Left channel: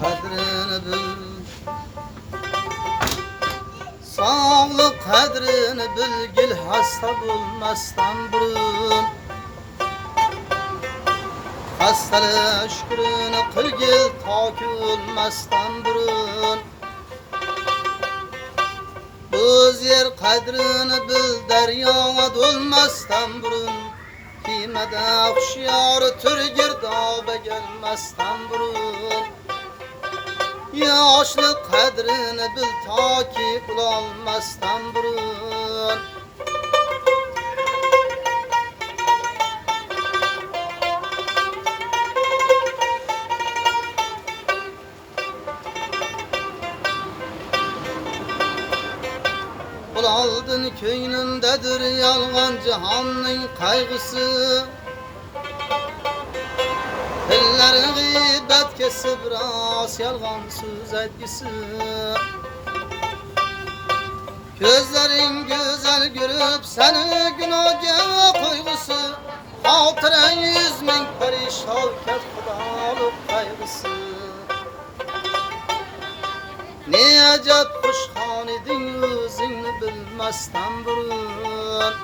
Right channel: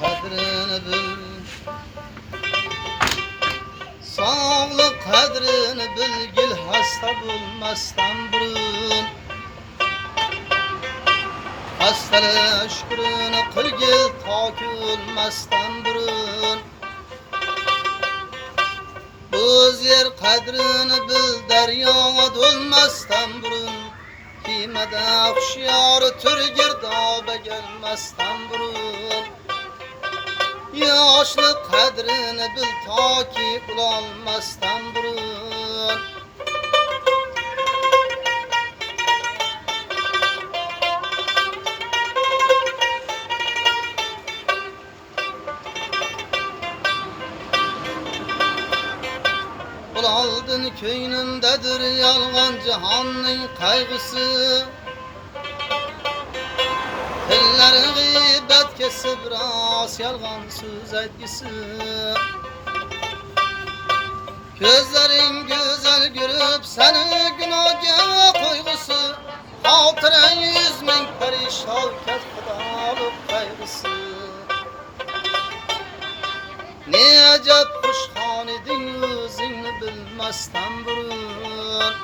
kadrini bil. Sağlık kadrini bilgil, hasta bulmasdan burun. Hastalık şükrünü kılgil, taki olmasdan burun. Bu yer kadrini bil, derya dolmasdan burun. Kıymada kuşyar tür girdaba gelmezden burun. Yaşlı kadrini bil, taki kullanmazdan burun. Aldın köynündedir yalgan cihanın kaygısı. Elleri gıybet kesip ras yalgan söz etkisi. Gözlerin güzel görüp seni günaha koygusu. Hatıran 100 bin perişan ket kıdalık kaygısı. Ne acep kuşhan edin, özünü bilmezden burun.